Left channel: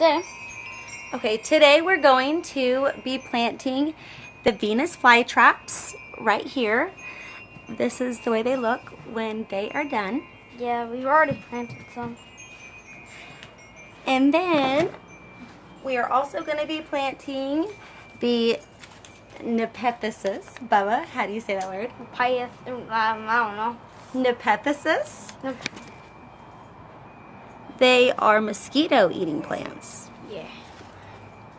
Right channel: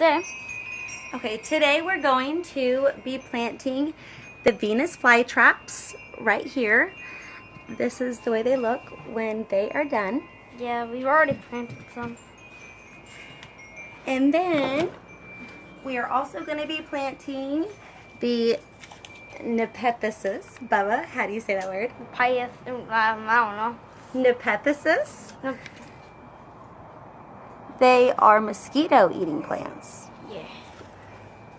There. Okay, today we're going to be planting the Venus flytraps right here. This is the way they look when they are done. Yeah, we've already planted some. And then we are also going to be planting the Nepenthes. Bubba, how do you say that word? I don't know. Nepenthes. Nope. They are mosquito-eating plants. Yeah.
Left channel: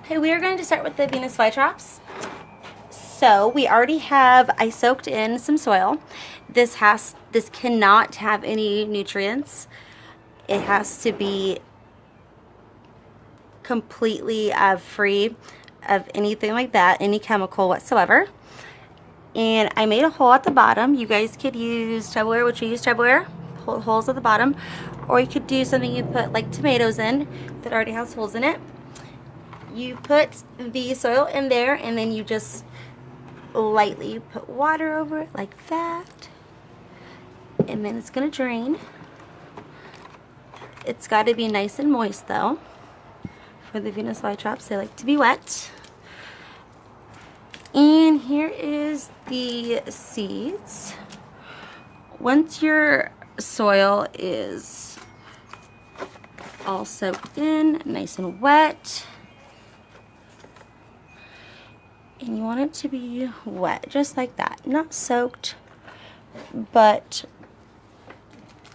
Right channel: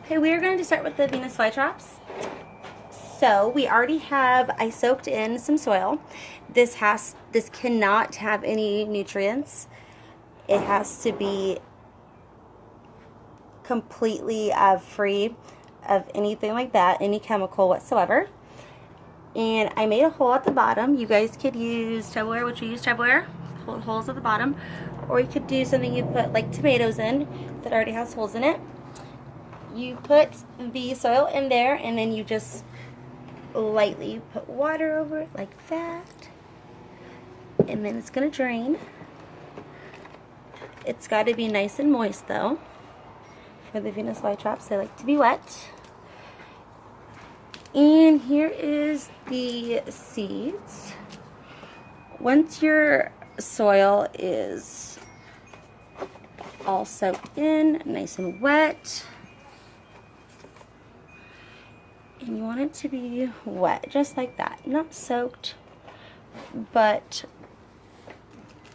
Okay, we are going to start with the Venus flytraps. So we already have, I soaked in some soil. This cannot have any nutrients. It has to be completely free of anything like that, any chemical whatsoever. And I made a hole at the bottom. You guys could use Tupperware, which we use Tupperware, holes at the bottom. Or you could do something you put like tomatoes in that already has holes in it. You put the soil in there and then you just lightly put water over it like that. And then it's going to drain. It's got to be nice and moist though. For the Venus flytraps, they like to be wet. And here is the seeds. Once your soil is all soaked in, nice and wet, and you want it to be wet, just like that. Not soaked, but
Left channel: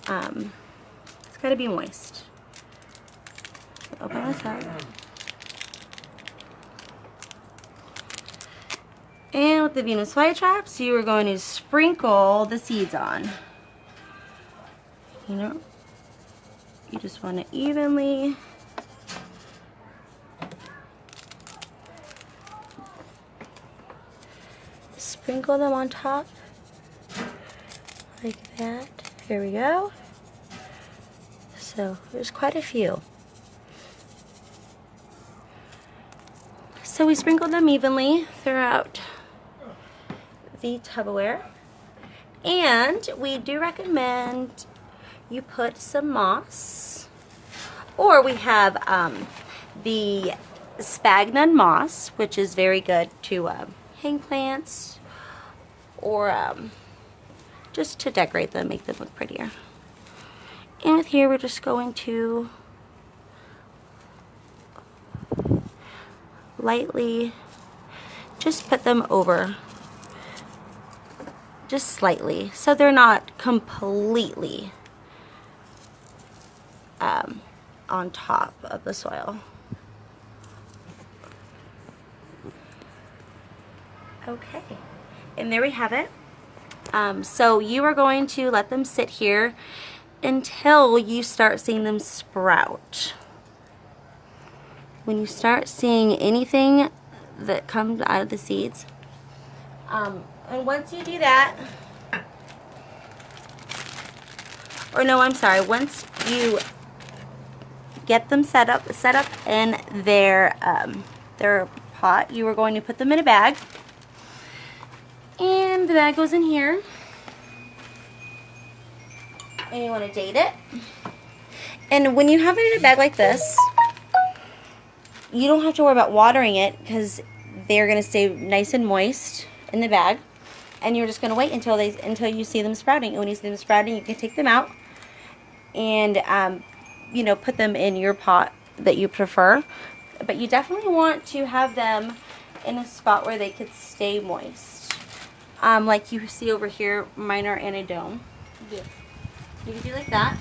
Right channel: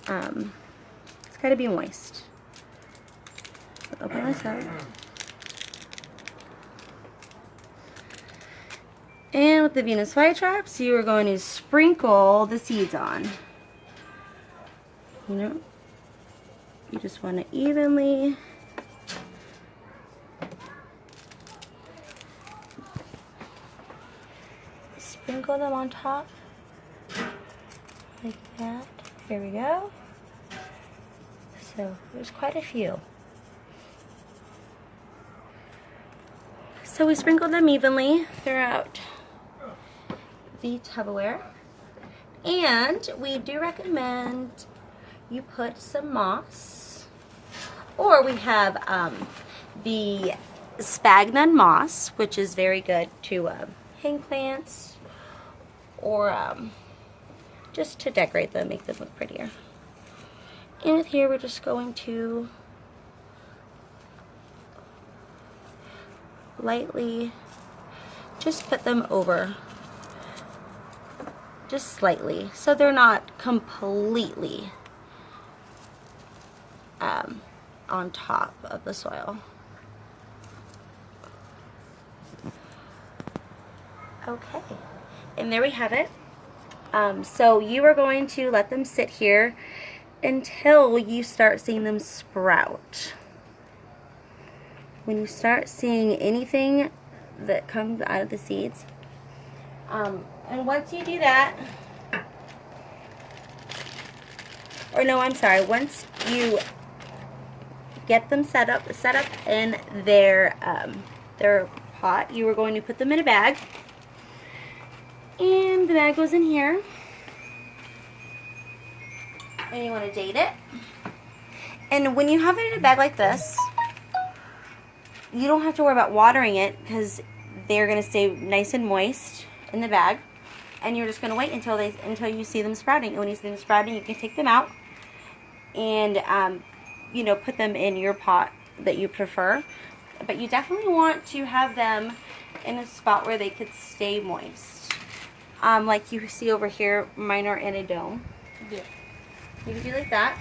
it's got to be moist. Open this up. And with the Venus flytraps, you are going to sprinkle the seeds on. You just want to evenly sprinkle them on top like that. Here we go. So there's quite a few. So we sprinkle them evenly throughout the Tupperware, and we do recommend you put some moss, or we have the sphagnum moss, which is very good to hang plants or just to decorate them, make them look prettier. And with here we're just going to lightly just put them over, just slightly, so they're not completely on top of the soil. Okay, and there we have it. So you are going to let them sit here until you start seeing them sprout. When you start seeing anything that comes out of the seeds, and once you do that, or no, I'm sorry, once you get them set up in their pot, you are going to put them in a bag, and the bag goes in here, and you want to date it. And when you have it in a bag like this, you don't have to worry about watering it because they're going to stay nice and moist in the bag, and you're just going to wait until you see them sprouting. And when you see them sprouting, you can take them out and put them in your pot that you prefer. But you definitely want to have them in a spot where they could stay moist. Like you see over here, mine are in a dome. Yeah. You can do like that.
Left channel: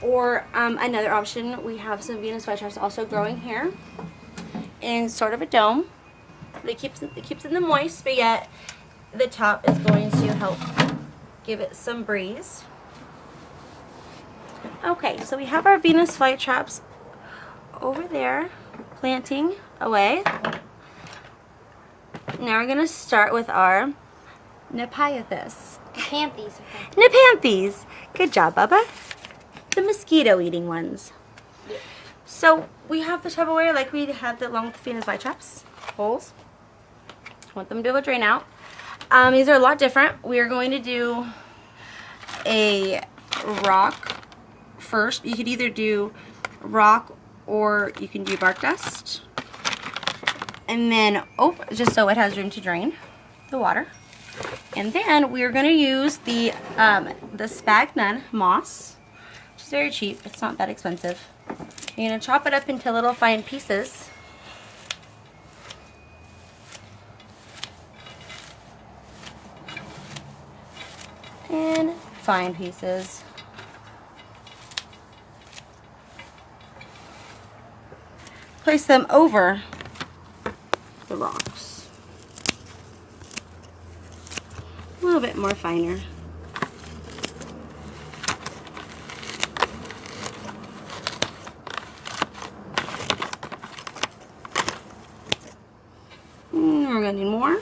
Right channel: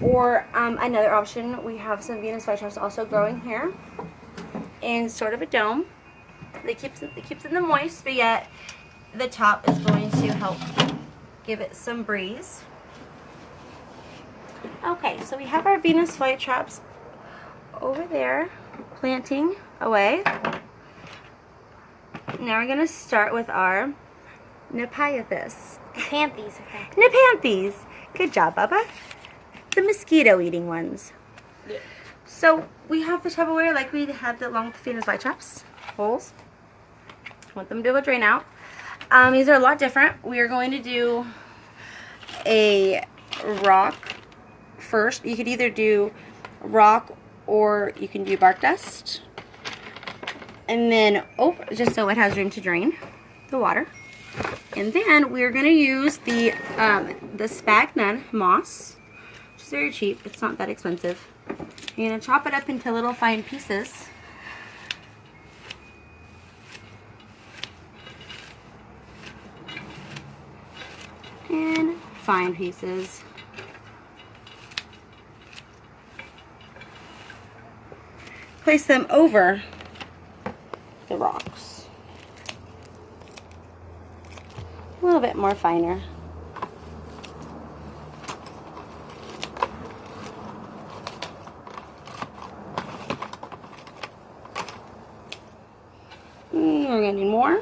Or another option, we have some Venus flytraps also growing here in sort of a dome. It keeps it moist, but yet the top is going to help give it some breeze. Okay, so we have our Venus flytraps over there planting away. Now we're going to start with our Nepenthes. Nepenthes. Okay. Nepenthes. Good job, Bubba. The mosquito-eating ones. Yeah. So we have the Tupperware like we had the long Venus flytraps holes. Want them to drain out. These are a lot different. We are going to do a rock first. You could either do rock or you can do bark dust. And then, just so it has room to drain the water. And then we're going to use the sphagnum moss, which is very cheap. It's not that expensive. You're going to chop it up into little fine pieces. And fine pieces. Place them over the rocks. A little bit more finer. We're going to need more.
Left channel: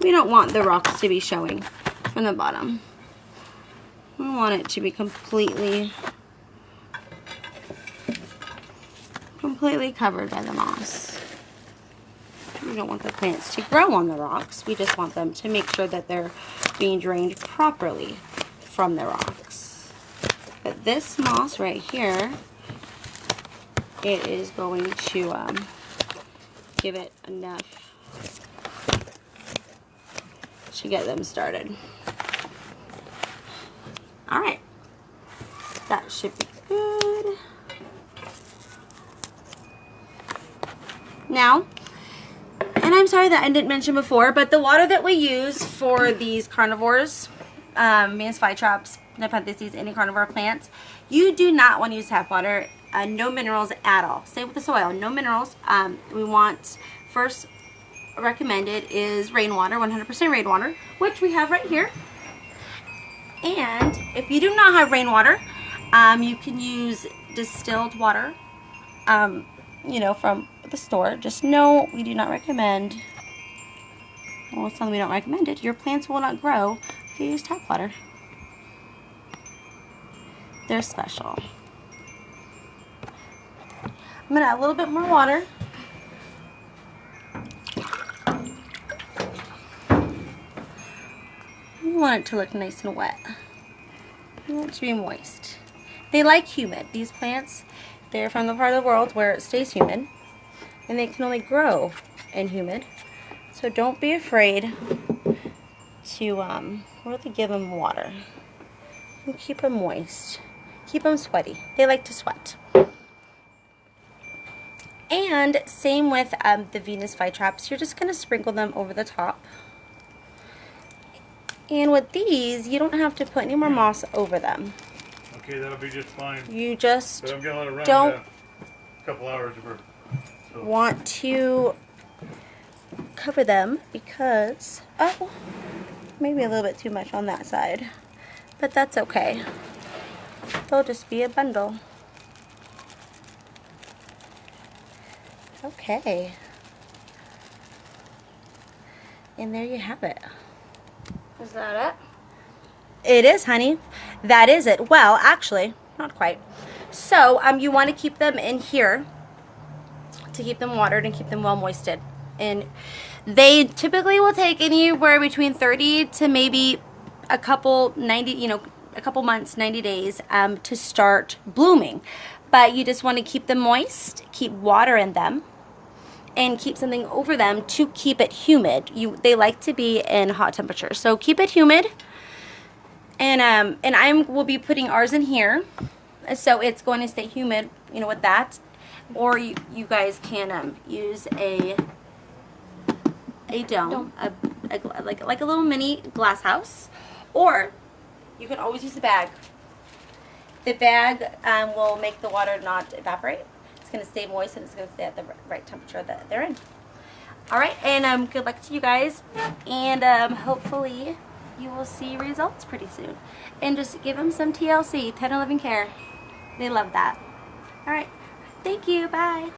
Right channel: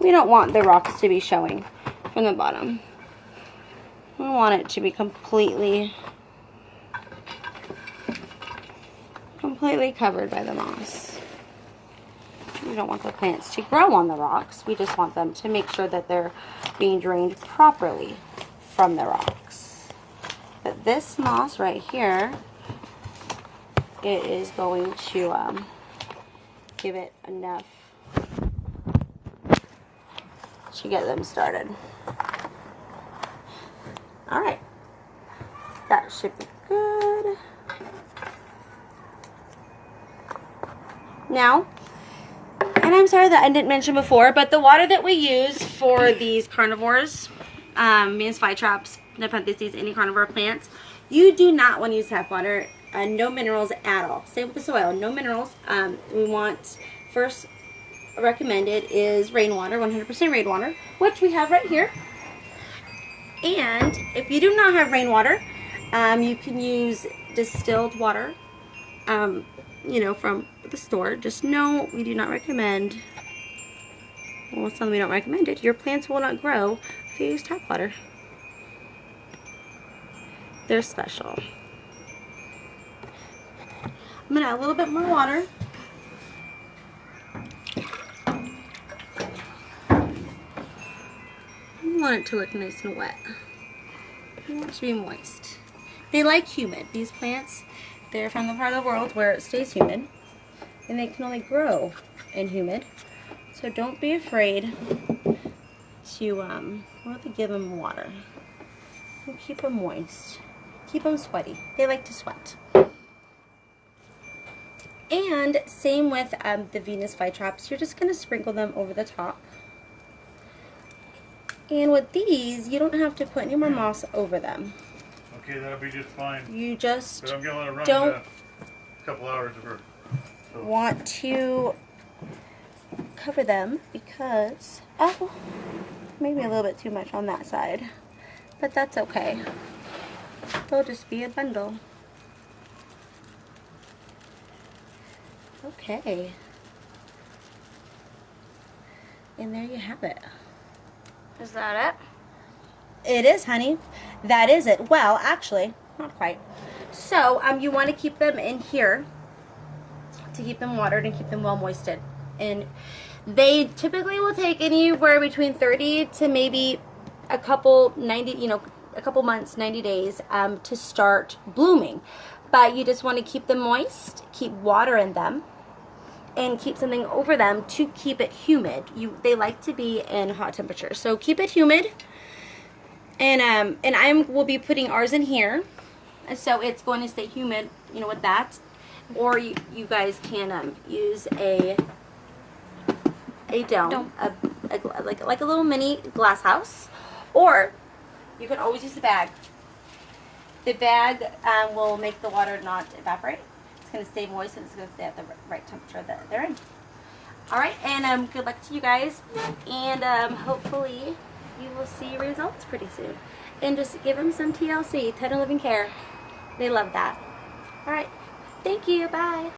We don't want the rocks to be showing from the bottom. We want it to be completely covered by the moss. We don't want the plants to grow on the rocks. We just want them to make sure that they're being drained properly from the rocks. But this moss right here, it is going to give it enough to get them started. Alright, that should be good. Now, and I'm sorry that I didn't mention before, but the water that we use for these carnivores, man's fly traps, Nepenthes, any carnivore plants, you do not want to use tap water. No minerals at all. Same with the soil, no minerals. We want, first recommended is rainwater, 100% rainwater, which we have right here. And if you do not have rainwater, you can use distilled water, you know, from the store. Just know we do not recommend, well, it's something we don't recommend it. Your plants will not grow if you use tap water. They're special. I'm going to add a little bit more water. You want it to look nice and wet. You want it to be moist. They like humid. These plants, they're from the part of the world where it stays humid. And they can only grow in humid. So don't be afraid to really give them water. And keep them moist. Keep them sweaty. They like to sweat. And same with the Venus flytraps. You're just going to sprinkle them over the top. And with these, you don't have to put any more moss over them. Okay, that'll be just fine. You just but I'm gonna let it run don't a couple hours or so. Want to cover them because, oh, maybe a little bit too much on that side. But that's okay. They'll just be a bundle. Okay. And there you have it. Is that it? It is, honey. That is it. Well, actually, not quite. So, you want to keep them in here to keep them watered and keep them well moisted. And they typically will take anywhere between 30 to maybe a couple months, 90 days to start blooming. But you just want to keep them moist, keep water in them, and keep something over them to keep it humid. They like to be in hot temperatures, so keep it humid. And I will be putting ours in here, so it's going to stay humid, you know, with that. Or you guys can use a dome, like a little mini glass house, or you can always use the bag. The bag will make the water not evaporate. It's going to stay moist and it's going to stay at the right temperature that they're in. All right, and good luck to you guys, and hopefully you will see results pretty soon. And just give them some TLC, tender loving care. They love that. All right, thank you. Bye.